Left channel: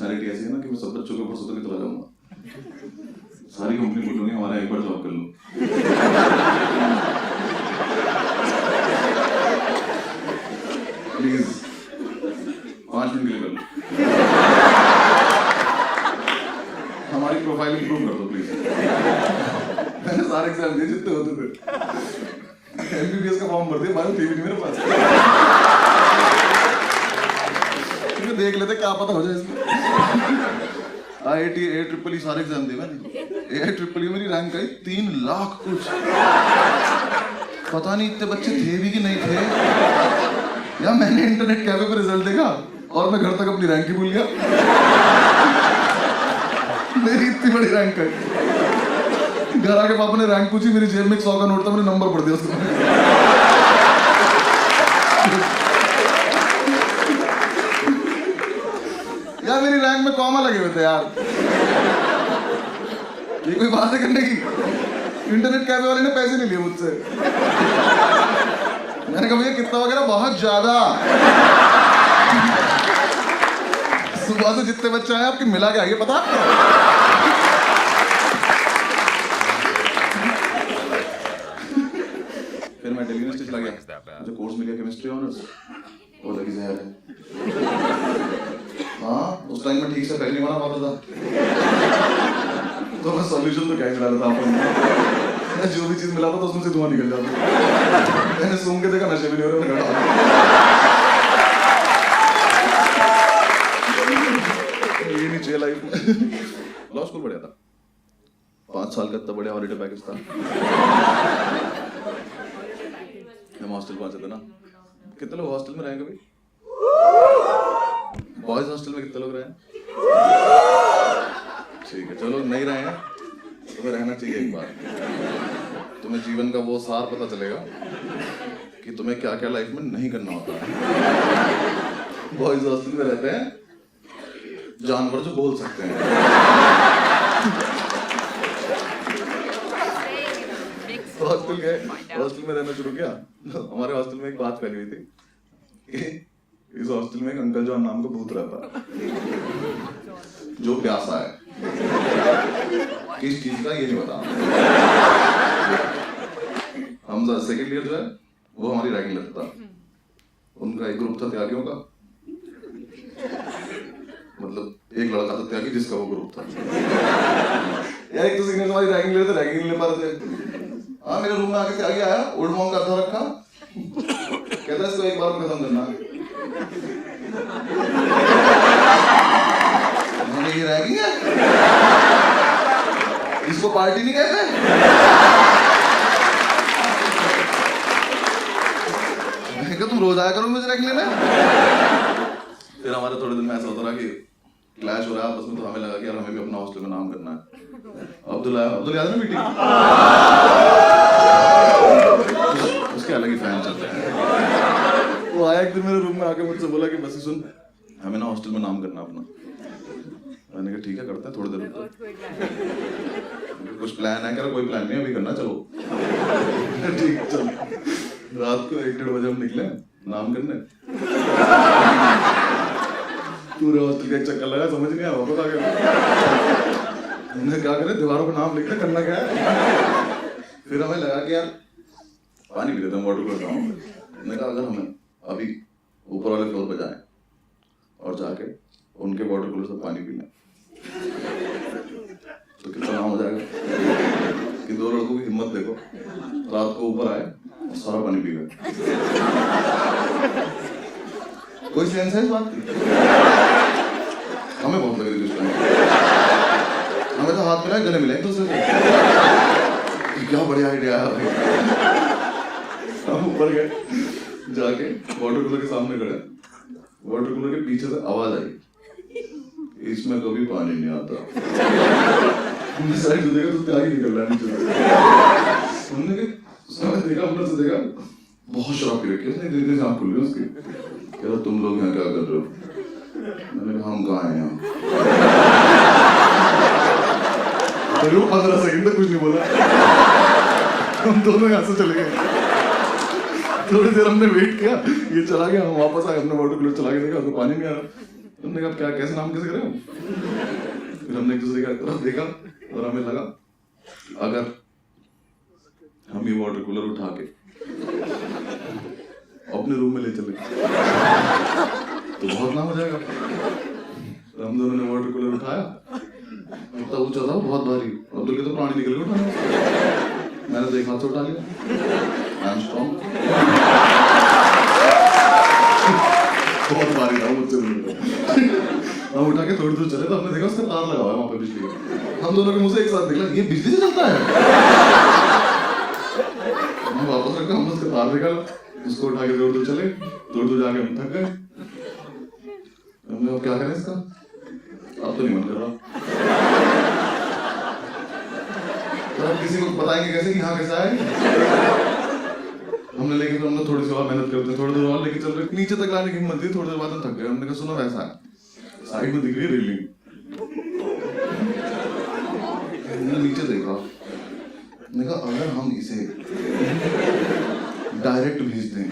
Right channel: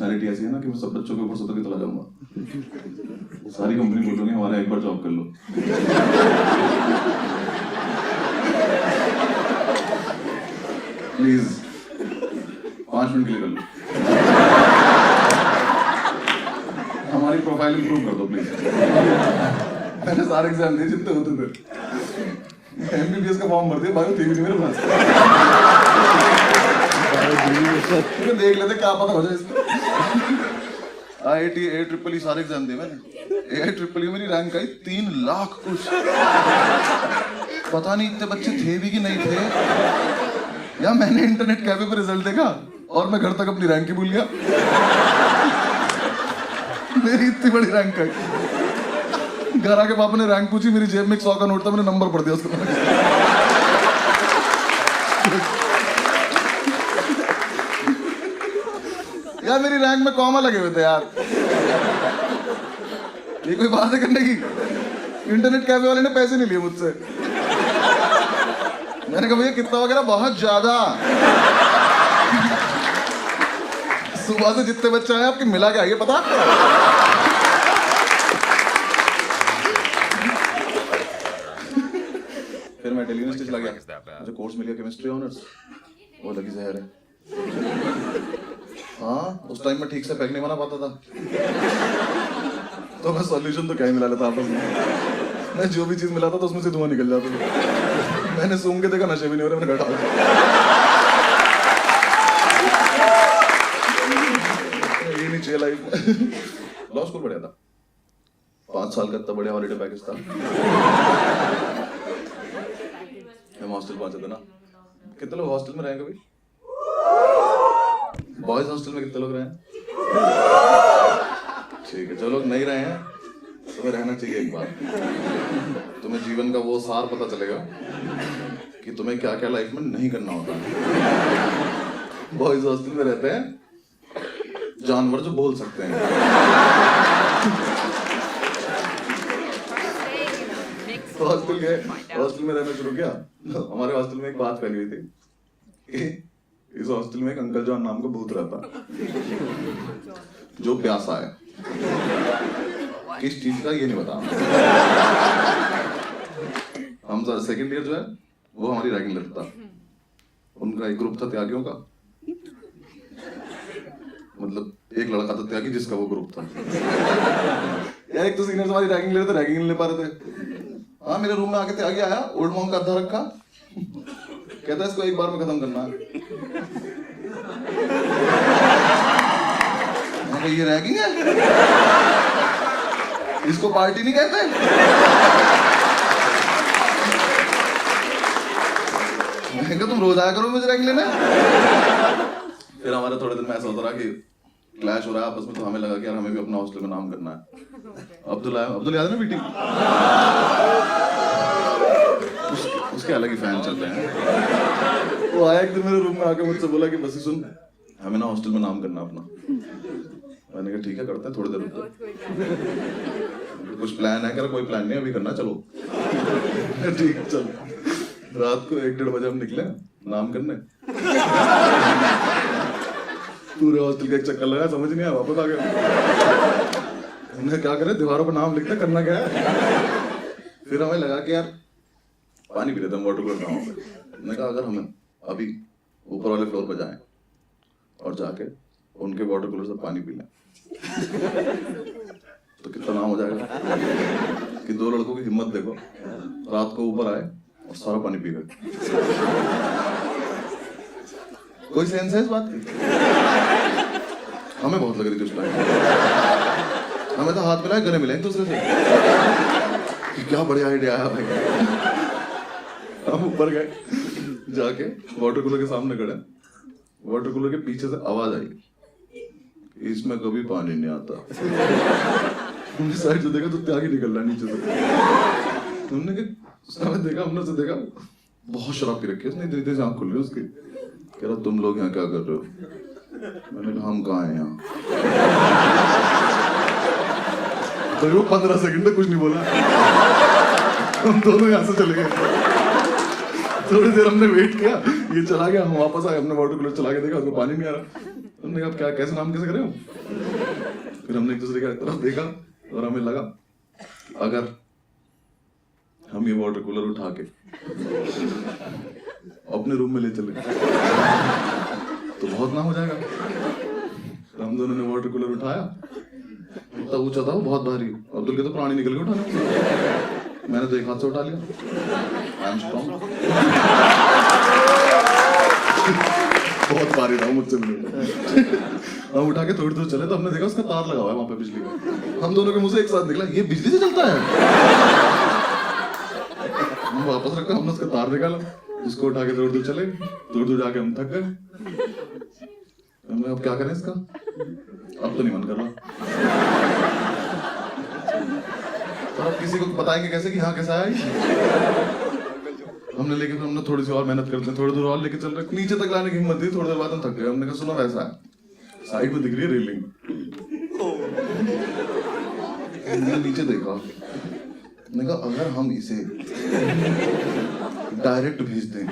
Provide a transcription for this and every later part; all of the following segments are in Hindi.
पर्सनैलिटी ऐसी है ना कि मैं सब बच्चों के ऊपर सुतर के चला जाऊंगा। सारी कंपनी बोलूंगी हमारा एक बार जॉब कर लो। प्लीज 5 मिनट के लिए कर लो, हमारी प्रोफाइल इंप्रूव कर दो प्लीज। मैंने सारे एग्जाम दिए जितने होते थे, एमबीबीएस का फॉर्म भर दिया, बायो थी भी नहीं मेरे पास। देख लेते क्या पता हो जाए इसमें। IIT AEEE सारे एग्जाम दिए मैंने। AEEE मेरी रैंक आई 3 लाख कुछ। पता नहीं इतने बच्चे थे भी कि नहीं थे, या मैंने इंटरनेट कैफे पे रिजल्ट देखा और मैं घर तक अपनी रैंक ही भूल गया। मेरी इतनी बड़ी रैंक आई। घर आके पापा ने रैंक पूछी, मेरी जेब में 100 का नोट था, मैंने नंबर पढ़ दिया उसको। यार मेरी रैंक में कॉमा लगे हुए थे यार, ये कोई बात है करने की? इंटरनेट कैफे वाले ने पैसे नहीं लिए मुझसे। मैंने कहा भैया कितना वगैरह, बहुत ज्यादा। सुबह से जितने बच्चे आए आपके मिला के आइए, पता आपको? फिर मैं दिल्ली यूनिवर्सिटी चला गया, मुझे कोर्स मिल गया केमिस्ट्री ऑनर्स। वो लगी जहर है। हाँ, उस टाइम में ठीक से पैक नहीं बना पाता था, तो मैं सॉल्यूशन तो क्या ही मिला लेता आपस में। मैं जो भी चीज मिलाता था उसमें से धुआं निकल जाता था। मैंने सूंघ के देखा, नशे भी नहीं हो रहे, मैंने घटा। ये नहीं चाहिए लाइफ में। लॉ स्कूल पढ़ा था, 5 साल का इतना बढ़िया हॉलीडे पैकेज था। हम हॉस्टल पहुंचे थे ना। कितने लोग हॉस्टल में रहे कभी? बॉयज हॉस्टल में कितने लोग रहे हैं? ठीक है, जो लोग नहीं रहे हैं तुम्हें रहना चाहिए एक बार। तुम्हें जीवन का वो सार पता चलेगा कि तुम्हें क्या क्या लाइफ में नहीं करना होता है। बॉयज हॉस्टल में रहते हैं जानवर जो बोल सकते हैं। हॉस्टल में रहना शुरू किया, हमारे हॉस्टल में एक बात फैली हुई थी कि इस हॉस्टल में एक अंकल जॉन नाम का भूत रहता, जो प्यासा है। किस चीज का ये नहीं पता। हम सेकेंड ईयर जो है वो हमारी रैगिंग लेता था। उनका एक ग्रुप था त्यागियों का, मतलब एक लड़का था त्यागी जिसका वो ग्रुप था। यार एक तो सीनियर हमारी रैगिंग ले रहे थे, रैगिंग नहीं ले पा रहे थे। हाँ, मेरे रूम में आके त्यागी आया, ओल्ड मॉन्क का अद्धा रखा, कहता इसको एक बार में खत्म करना। ये रैगिंग है, इसको पार्टी नहीं कहते। मैं कहा तुम रोज आया करो मुझे रैगिंग लेने। फिर हमारे थोड़े दिन में ऐसा होता रहा कि क्लैश हो रहा है आपस में, तो हमें लगा कि यार हमें भी अपना हॉस्टल में नाम करना है। अब्दुल याद है ना मीटिंग? उसके अलग ही फैन चलते हैं। वो आया एक दिन मेरे रूम में आके मुझसे बोला कि बस सुन, हमें ना हॉस्टल में नाम करना अपना। मैंने कहा ठीक है करते हैं, थोड़ी देर रुको। कुछ प्लान है? कह रहा कोई प्लान नहीं, अभी करना, चलो। ठीक, चल। रात को 1-1:30 बजे हम निकले नाम करने। पूरे हॉस्टल का एक चक्कर लगा, समझ नहीं आया, वापस आ गया। हमने क्या करे, दीवारों पर नाम लिखते, करना क्या है। फिर हमें लगा कि यार पानी पी लेते हैं वाटर कूलर। मैंने कहा अगर हमें अभी ऊपर वाले फ्लोर पर जाएं और जाके उनके वाटर कूलर से पानी पी लें तो कितना नाम हो जाएगा कि 2 लड़कों की हिम्मत देखो, रात को ऊपर आए और सारा पानी पी गए। कोई सेंस है इस बात की? हमें बहुत लग रही थी उस टाइम। हमें तो हाथ मिलाए, गले मिले एक दूसरे से। क्या बढ़िया आइडिया आया भाई। हम ऊपर गए, जाके वाटर कूलर के सामने खड़े, वाटर कूलर के पीछे से आवाज आई, इसमें कभी पानी नहीं आता। हमने साइड से देखा तो त्यागी निकल रहा नीचे से। हमने देखा, हमने से देखा बहुत शराब पी रखी है उसने, धीरे धीरे आँख खुल गई उसकी। कह रहा तुम लोग यहाँ क्या कर रहे हो? मैंने कहा हम कहाँ हैं यहाँ। तो 15 सेकंड तक कुछ नहीं बोला। हम दोनों यहाँ से चले गए। थोड़ी देर हमने वेट किया, ये चला गया, हम वापस आए, हमने वाटर कूलर चला के देखा, उसमें पानी नहीं आ रहा। हमने कहा क्या कैसे नाम कैसे करे हो? फिर हमने एक दूसरे की तरफ देखा और हमें लगा अगर हम ये वाटर कूलर उठा के अपने रूम में ले चले तो बहुत नाम हो जाएगा। तो हम दोनों ने वाटर कूलर उठाया, इतना ऊंचा था वो, बहुत भारी। अब्दुल के तो प्राणी निकल के उठाने, मैंने तो एक हाथ से उठा लिया। I am strong. बहुत भारी था मुझसे भी। हम उठा के थोड़ी दूर चले तो हमने देखा उसका तार लगा हुआ है वहां पे बिजली का। हम दोनों के मुंह से एक साथ निकला, ये बिजली से चलता है। हम वापस रखा, हमने उसका तार निकाला, उसको उठा के थोड़ी दूर चले, थोड़ी दूर जाके हम थक गए। हमने अब क्या करें इसका, अब तो नहीं मन कर रहा। और अब किसी को बताएंगे कैसे कि हाँ कैसा है। हमने लेकिन फिर हमने थोड़ी सी और मेहनत करते हैं, थोड़ी दूर और लेके चल रहे, नीचे तक लाने की हिम्मत थी। थोड़ी देर बाद हम थक गए। हमने कहा सुनो वैसा है, साइड में दिख रही है रेलिंग। मैंने नीचे देखा, मैंने कहा अगर हम इसे डायरेक्ट भेज दें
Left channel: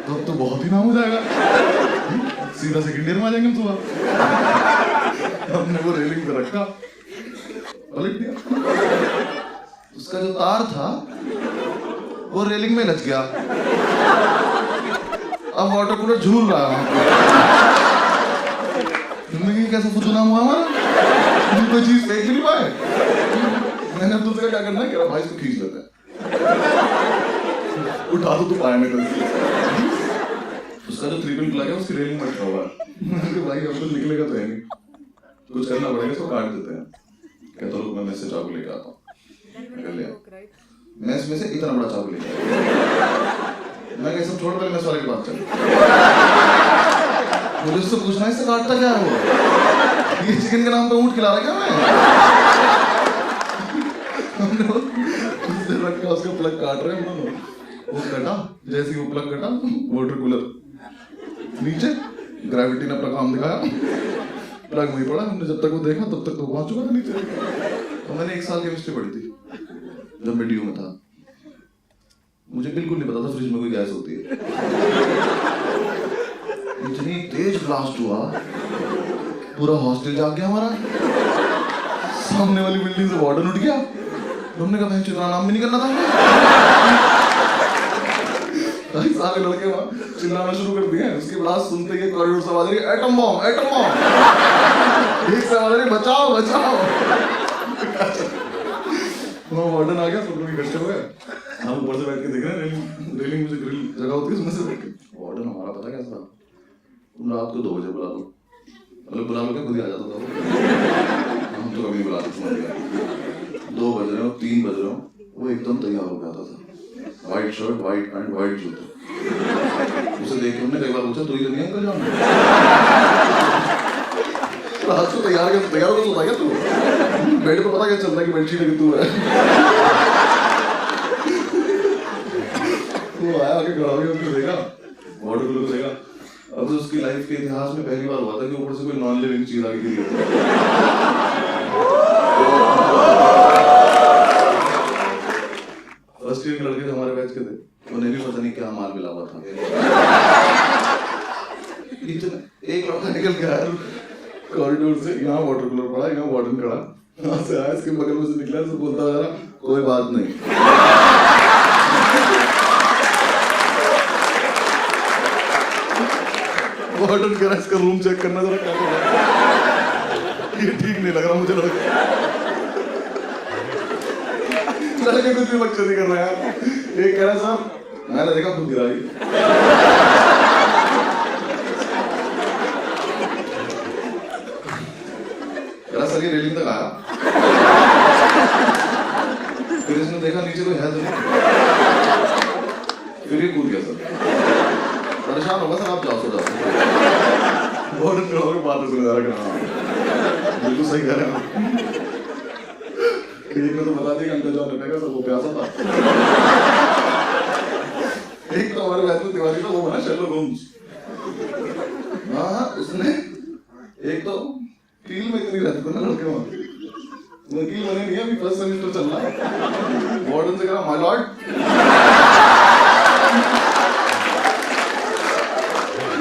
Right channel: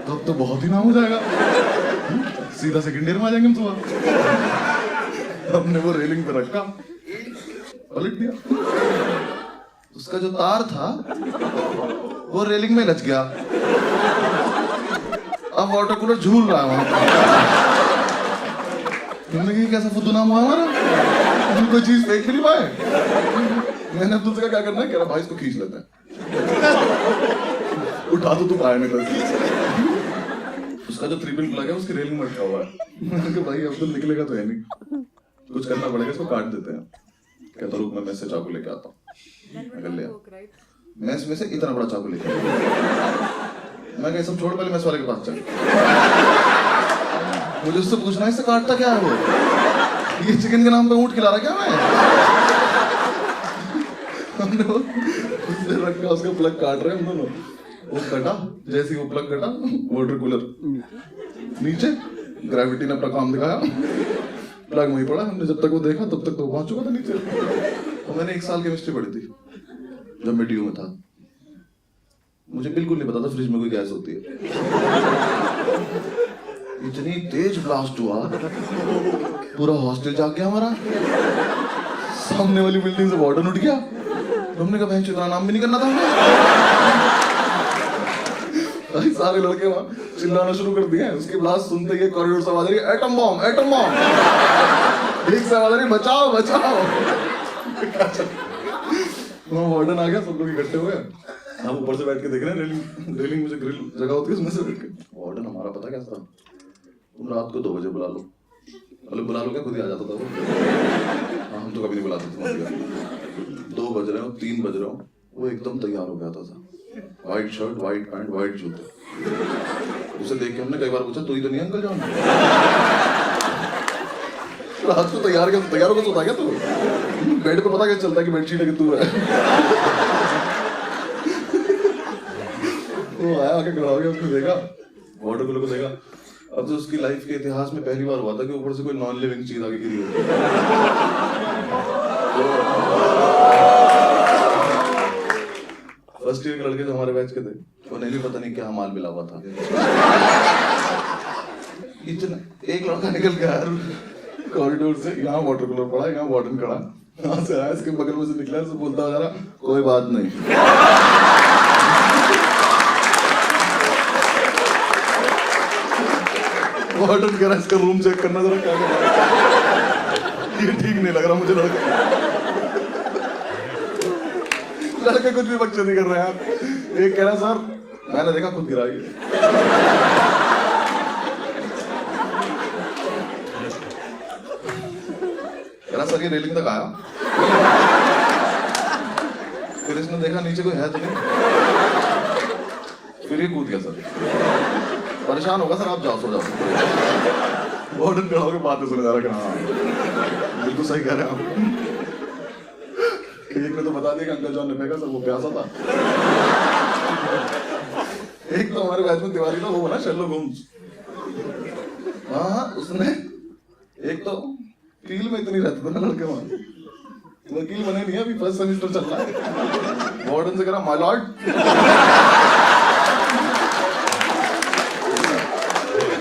तो अब तो बहुत ही नाम हो जाएगा, सीधा सेकंड ईयर में आ जाएंगे हम सुबह। हमने वो रेलिंग पे रखा, पलट दिया, उसका जो तार था वो रेलिंग में लच गया। अब वाटर कूलर झूल रहा है वहां पर। तुमने कहा कैसा फुद्दू नाम हुआ हमारा, तुम कोई चीज फेंक भी नहीं पाए। मैंने अब दूसरे का क्या करना है, कह रहा भाई इसको खींच लेते हैं, उठा तो तू पाया नहीं था। उसका जो 3 पिन प्लग है उसकी रेलिंग में अटका हुआ है। मैंने भाई अब तो निकलेगा तो है नहीं, कुछ करना पड़ेगा, इसको काट देते हैं। कहता रुक मैं मेस से चाकू लेके आता हूँ। ले मेस में से इतना बड़ा चाकू लेके, मैं कहा सब छोड़, पहले मेस वाले के पास चल। मुझे उससे पूछना है इससे काटता क्या है वो, ये चिकन के नाम पे ऊंट खिला रहा क्या मैं। हमने उससे रखा, उसका प्लग काट रहे हम दोनों। वो कटा, जैसे वो प्लग कटा वाटर कूलर नीचे, ग्रेविटी ने अपना काम दिखाया, प्लग वहीं पड़ा। हमने जब तक वो देखा तब तक तो पहुंच चुका था नीचे। तो मैंने 1 साल केमिस्ट्री पढ़ी थी जब मैं DU में था। मुझे बिल्कुल नहीं पता था फ्रिज में कोई गैस होती है। इतनी तेज ब्लास्ट हुआ, पूरा हॉस्टल जाग गया हमारा। सामने वाली बिल्डिंग से वार्डन उठ गया। तो हमने कहा बहन इतना नाम भी नहीं करना था हमें। सारे लड़के वहां चिल्लाना शुरू कर दिए। उसकी ब्लास्ट सुनते ही कॉरिडोर से आवाज आ रही है एटम बॉम्ब, एटम बॉम्ब। एक से आवाज आ रही है बचाओ बचाओ। वहां वार्डन आ गया, सब लोग इकट्ठे हो गए। हम ऊपर से बैठ के देख रहे हैं, रेलिंग में जो ग्रिल जगह होती है उसमें से देख के। वार्डन हमारा पता कैसा, तुम रात को 2 बजे बुला लो, मतलब बुला लो क्या, खुद ही आ जाता था वो। हम तो कभी नहीं बुलाते थे। 2 बज रहे हो, 3 बज रहे हो, वो एकदम तैयार हो गया था। White shirt, white pant, white जूते। उसे देख के हमने कई बार पूछा तू ही तो नहीं अंकल जान। रात को तैयार होकर सोता क्या तू? बेड पे पता क्या चलता है कि बेडशीट है कि तू है। वो आया आके खड़ा हो गया, उसको देखा, वाटर कूलर को देखा। अब तो उसकी लाइफ के इतिहास में पहली बार हुआ था कि ऊपर से कोई नॉन लिविंग चीज आगे गिरी हो। फर्स्ट ईयर के लड़के जो हमारे बैच के थे, उन्हें भी पता नहीं क्या माल मिला हुआ था। इतना एक लड़का निकल गया कॉरिडोर से, यहाँ वाटर कूलर पड़ा, यहाँ वार्डन खड़ा, यहाँ से आया, इसके बगल में से निकला, से बोलता जा रहा कोई बात नहीं। वार्डन कह रहा इसका रूम चेक करना जरा, क्या कर रहा है, ये ठीक नहीं लग रहा मुझे। लड़के कुछ भी बच्चे नहीं कर रहे हैं। एक कह रहा सर मैंने देखा खुद गिरा। सर ये रेलिंग तक आया, फिर इसने देखा नीचे कोई है तो नहीं, फिर ये कूद गया। सर परेशान होगा सर, आप जाओ सो जाओ। वार्डन खड़ा होकर बातें सुने जा रहा कि हाँ बिल्कुल सही कह रहे हैं आप। एक ने तो बता दिया कि अंकल जॉन ने फेंका सर, वो प्यासा था। एक तो हमारे बैच में तिवारी था, वो बना शेरलॉक होम्स। हाँ उसने एक तो फील में इतनी रहती थी ना लड़के वहां, वकील बने नहीं है, अभी फर्स्ट सेमेस्टर चल रहा है। वार्डन से कह रहा माय लॉर्ड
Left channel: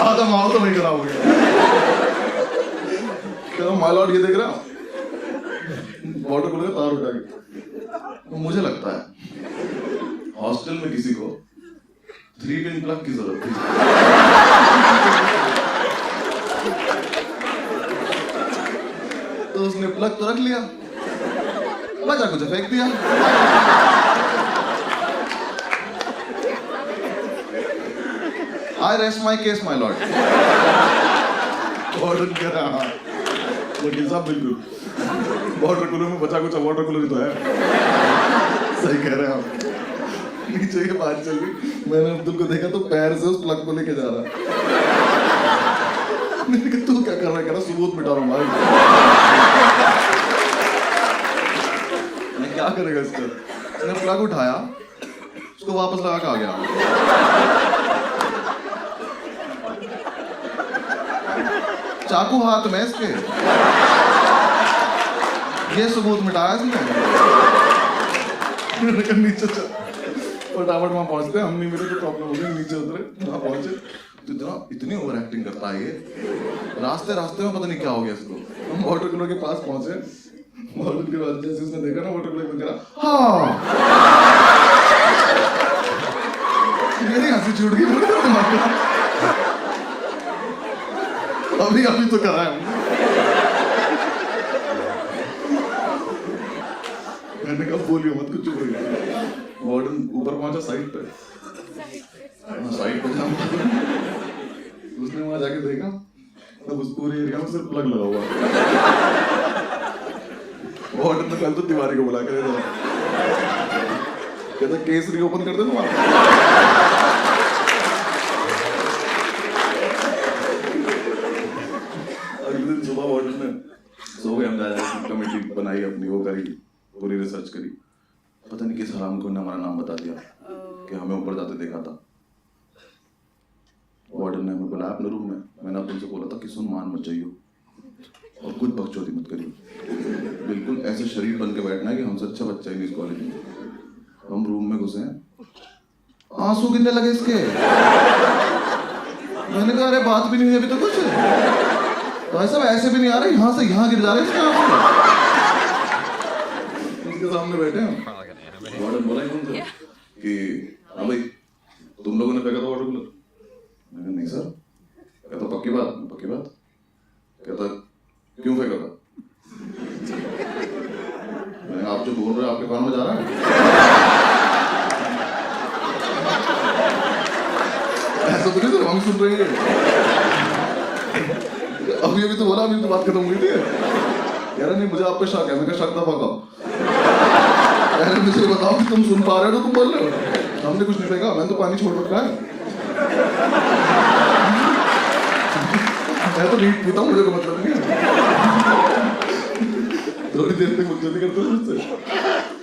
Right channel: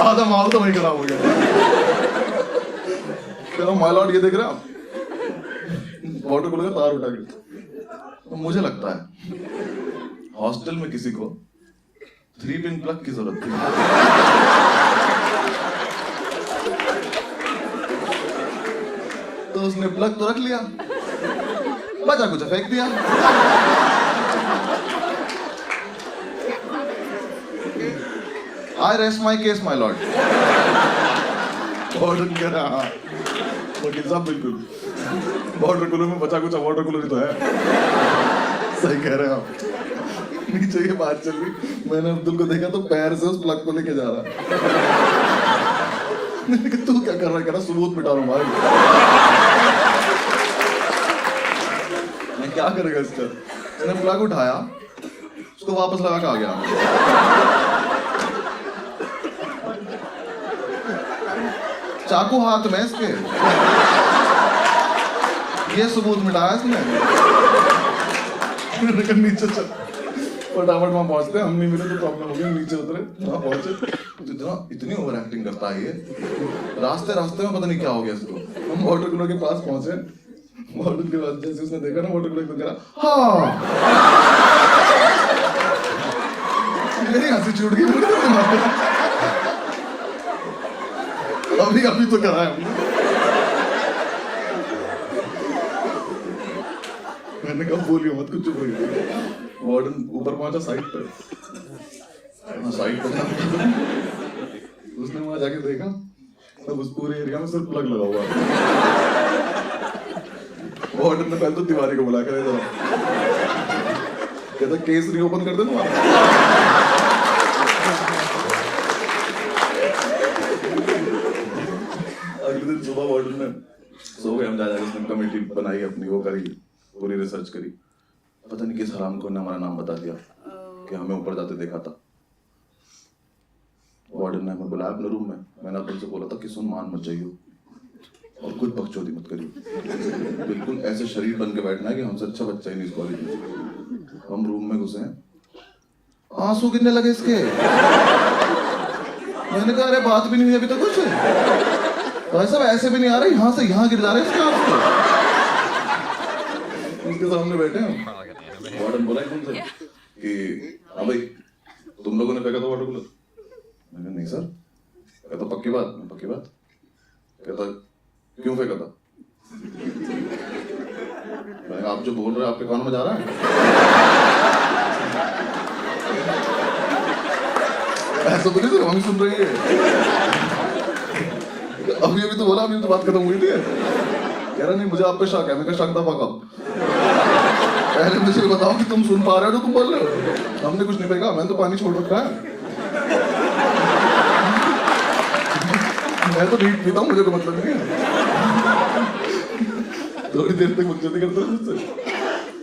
आधा माल तो वही खराब हो गया। क्या माय लॉर्ड, ये देख रहे हो वाटर कूलर का तार उठा के। तो मुझे लगता है हॉस्टल में किसी को 3 पिन प्लग की जरूरत थी। तो उसने प्लग तो रख लिया, बचा कुछ फेंक दिया। आई rest my case my lord. Water कह रहा, हाँ वकील साहब बिल्कुल, वाटर कूलर में बचा कुछ वाटर कूलर ही तो है। सही कह रहे हैं आप। नीचे ये बात चल रही, मैंने अब्दुल को देखा तो पैर से उस प्लग को लेके जा रहा। मैंने कहा तू क्या कर रहा है? कह रहा सबूत मिटा रहा हूं भाई। मैं क्या करेगा इसका? उसने प्लग उठाया, उसको वापस लगा के आ गया। चाकू हाथ में इसके, ये सबूत मिटाया इसने। नीचे चल, फटाफट वहां पहुंचते, हम नहीं मिले तो प्रॉब्लम हो गई। नीचे उतरे, वहां पहुंचे, इतनी ओवर एक्टिंग करता है ये। रास्ते रास्ते में पता नहीं क्या हो गया इसको। हम वाटर कूलर के पास पहुंचे, वाटर के बाद जैसे उसने देखा ना वाटर कूलर को, कह रहा हाँ। मेरी हंसी छूट गई। अभी अभी तो करा है हमने। मैंने कहा बोलियो मत, कुछ चुप रहिए। वार्डन ऊपर पहुंचा साइड पे, साइड पे जा। उसने वहां जाके देखा तब उस पूरे एरिया में सिर्फ प्लग लगा हुआ। वार्डन ने पहले तो तिवारी को बुला कर जरा, कहता केस रीओपन कर दे तुम्हारा। अगले दिन सुबह वार्डन ने सो गए, हम जा जाके कमेटी बनाई अपनी, वो करी, पूरी रिसर्च करी। पता नहीं किस हराम को ने हमारा नाम बता दिया कि हमें ऊपर जाते देखा था। वार्डन ने हमें बुलाया अपने रूम में। मैंने उनसे बोला था कि सुन, मान मत जाइयो और कुछ बकचोदी मत करियो, बिल्कुल ऐसे शरीर बन के बैठना है कि हमसे अच्छा बच्चा ही नहीं इस कॉलेज में। हम रूम में घुसे, आंसू गिरने लगे इसके। मैंने कहा अरे बात भी नहीं हुई अभी तो कुछ, भाई साहब ऐसे भी नहीं आ रहे, यहाँ से यहाँ गिर जा रहे हैं इसके आंसू। उसके सामने बैठे हैं, वार्डन बोला उनसे कि हाँ भाई तुम लोगों ने फेंका था वाटर कूलर? मैंने कहा नहीं सर। कहता पक्की बात? पक्की बात। कहता क्यों फेंका था? मैंने आप जो बोल रहे हैं आपके कान में जा रहा है? ऐसा तो नहीं सर, हम सुन रहे हैं। अभी अभी तो बोला, अभी तो बात खत्म हुई थी। कह रहा नहीं मुझे आप पे शक है। मैं कहा शक दफा कब? पहले मुझे बताओ कि तुम सुन पा रहे हो तो तुम बोल रहे हो। हमने कुछ नहीं फेंका, मैंने तो पानी छोड़ रखा है। मैं तो नीट पीता हूँ, मुझे तो मतलब नहीं है। थोड़ी देर तक बकचोदी करते हो मुझसे।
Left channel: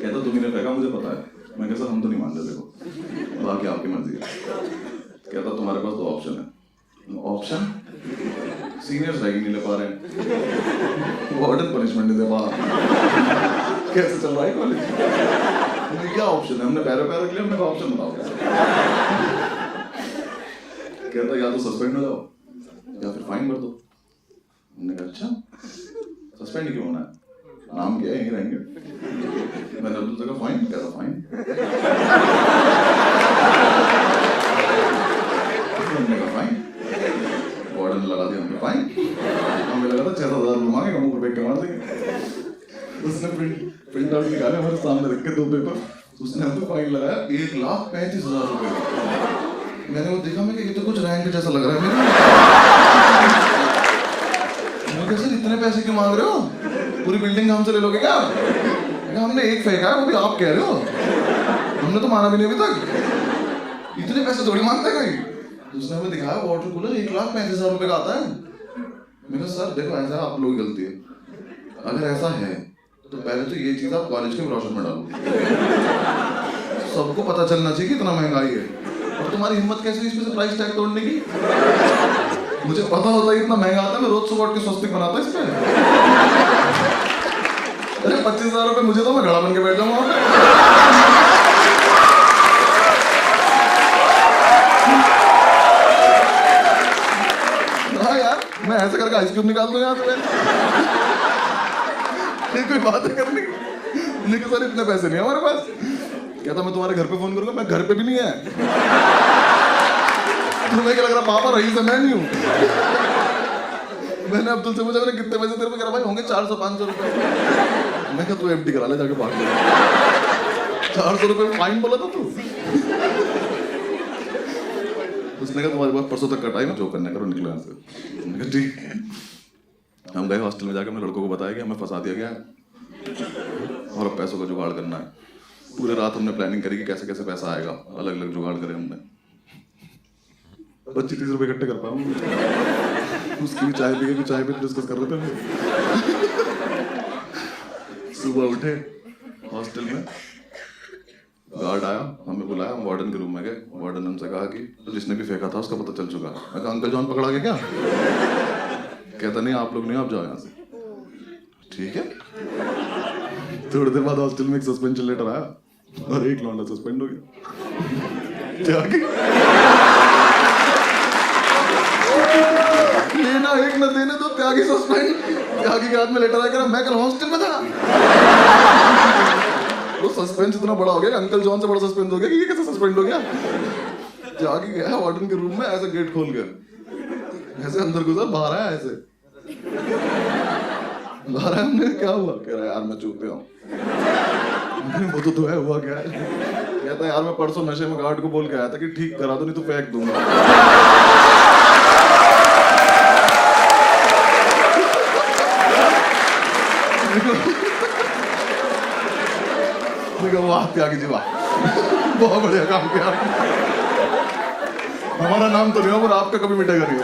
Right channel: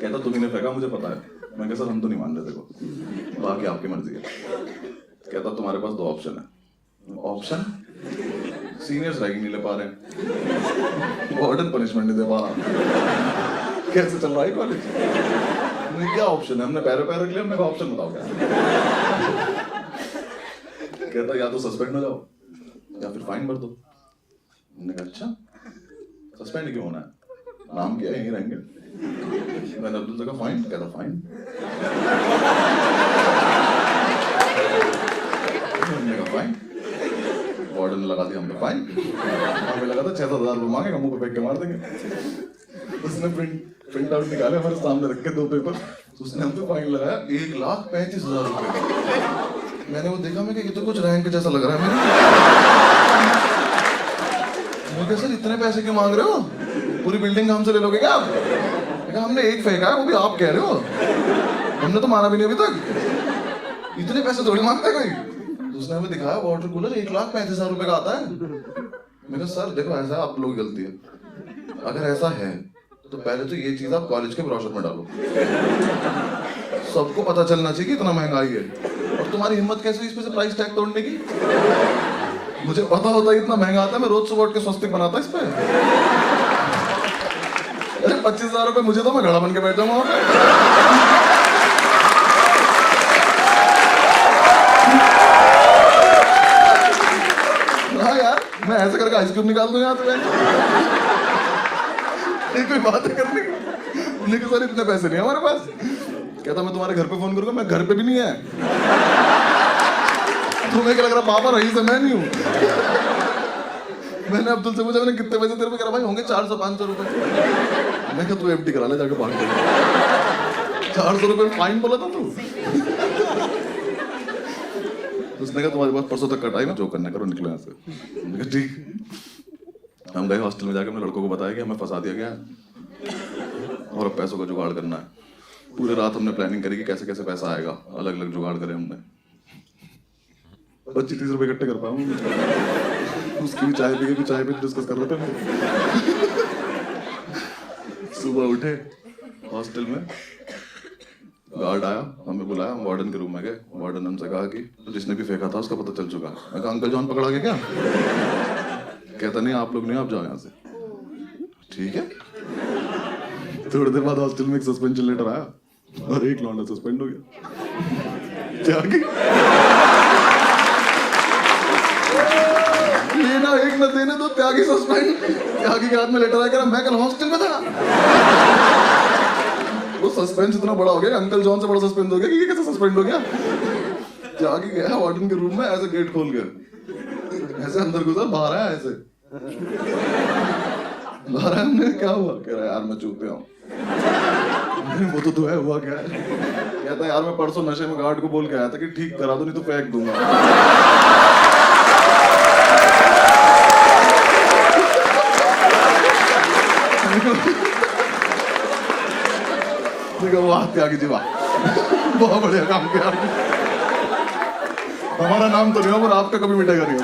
कहता तुम ही ने फेंका, मुझे पता है। मैं कहा सर हम तो नहीं मान रहे, देखो बाकी आपकी मर्जी है। कहता तुम्हारे पास 2 ऑप्शन है। ऑप्शन सीनियर्स रैगिंग नहीं ले पा रहे हैं, वार्डन पनिशमेंट नहीं दे पा रहा, कैसे चल रहा है कॉलेज? क्या ऑप्शन है? हमने पैर पैर रख लिया। हमने कहा ऑप्शन बताओ क्या? कहता या तो सस्पेंड हो जाओ या फिर फाइन भर दो। मैंने कहा अच्छा सस्पेंड क्यों होना है? नाम क्या है, यहीं रहेंगे। मैंने अब्दुल से कहा फाइन? कहता फाइन। हमने कहा फाइन। वार्डन ने लगा दिया हम पे फाइन। हमें लगा था 6-7 हज़ार रुपये मांगेगा, मुंह पे फेंक के मार देंगे। उसने प्रिंट आउट निकाले, हमारे सामने रख के 2 पेपर। उसने हम पे फाइन लगाया 1,35,000 रुपये का। मैंने वो देखा, मैं कि ये तो कुछ रैंक जैसा लग रहा है मेरे। मैं कहा सर इतने पैसे क्यों मांग रहे हो? पूरी बिल्डिंग हमसे ले लोगे क्या आप? हमने एक फेंका है, वो भी आप कह रहे हो। हमने तो माना भी नहीं अभी तक। इतने पैसे थोड़ी मांगते कोई। उसने हमें दिखाया वाटर कूलर 1,35,000 रुपये का आता है। मैं कहा सर देखो ऐसा आप लोगों की गलती है। अगर ऐसा है तो पहले तो ये चीज आप कॉलेज के ब्रोशर में डालो, सबको पता चलना चाहिए कि इतना महंगाई है। और तुम्हारी हिम्मत कैसे हुई इसमें से प्राइस टैग तोड़ने की? मुझे पता होता है इतना महंगा आता है, मैं रोज सुबह उठ के स्वस्तिक बनाता इस पे। अरे 25,000 रुपये मुझे तो, मैं घड़ा बन के बैठ जाऊंगा वहां पे। ऐसे करके आइस क्यूब निकाल दूं यहाँ से मैं। ये कोई बात है करने की? नहीं कि सर इतने पैसे नहीं है हमारे पास। कहता मैं तुम्हारे घर पे फोन करूंगा, मैं घर पे भी नहीं है। तुम्हें क्या लग रहा पापा रईस है, मैं नहीं हूँ। मैंने अब्दुल से पूछा मैंने कितने पैसे तेरे पे, कह रहा भाई होंगे 400-500 रुपए। मैं क्या तू एफडी करा ले जाके भाग ले। 400 रुपए फाइन बोला था तू। उसने कहा तुम्हारे पास परसों तक का टाइम है, जो करना करो, निकलो यहाँ से। मैंने कहा ठीक। हम गए हॉस्टल में, जाके हमने लड़कों को बताया कि हमें फंसा दिया गया है और अब पैसों का जुगाड़ करना है। पूरे रात हमने प्लानिंग करी कि कैसे कैसे पैसा आएगा, अलग अलग जुगाड़ करे हमने। 25-30 रुपए इकट्ठे कर पाऊँ। उसकी भी चाय पी के डिस्कस कर रहे थे हम। सुबह उठे, हॉस्टल में गार्ड आया, हमें बुलाया, हम वार्डन के रूम में गए। वार्डन हमसे कहा कि जिसने भी फेंका था उसका पता चल चुका है। मैं कहा अंकल जॉन पकड़ा गया क्या? कहता नहीं आप लोग नहीं, आप जाओ यहाँ से। ठीक है। थोड़ी देर बाद हॉस्टल में एक सस्पेंशन लेटर आया और एक लौंडा सस्पेंड हो गया। त्यागी लेना एक न देने दो, त्यागी सस्पेंड। त्यागी के हाथ में लेटर आया, मैं कल हॉस्टल में था। वो सस्पेंस इतना बड़ा हो गया, अंकल जॉन से बड़ा सस्पेंस हो गया कि ये कैसे सस्पेंड हो गया। त्यागी गया वार्डन के रूम में, ऐसे गेट खोल गया, ऐसे अंदर घुसा, बाहर आया ऐसे। बाहर आया, हमने क्या हुआ? कह रहा यार मैं चूते हूँ। वो तो है, हुआ क्या है? कहता यार मैं परसों नशे में गार्ड को बोल के आया था कि ठीक करा दो नहीं तो फेंक दूंगा। वाह त्यागी जी वाह, बहुत बढ़िया काम किया। हमारा नाम तो नहीं हो पर आपका कभी मिटेगा नहीं।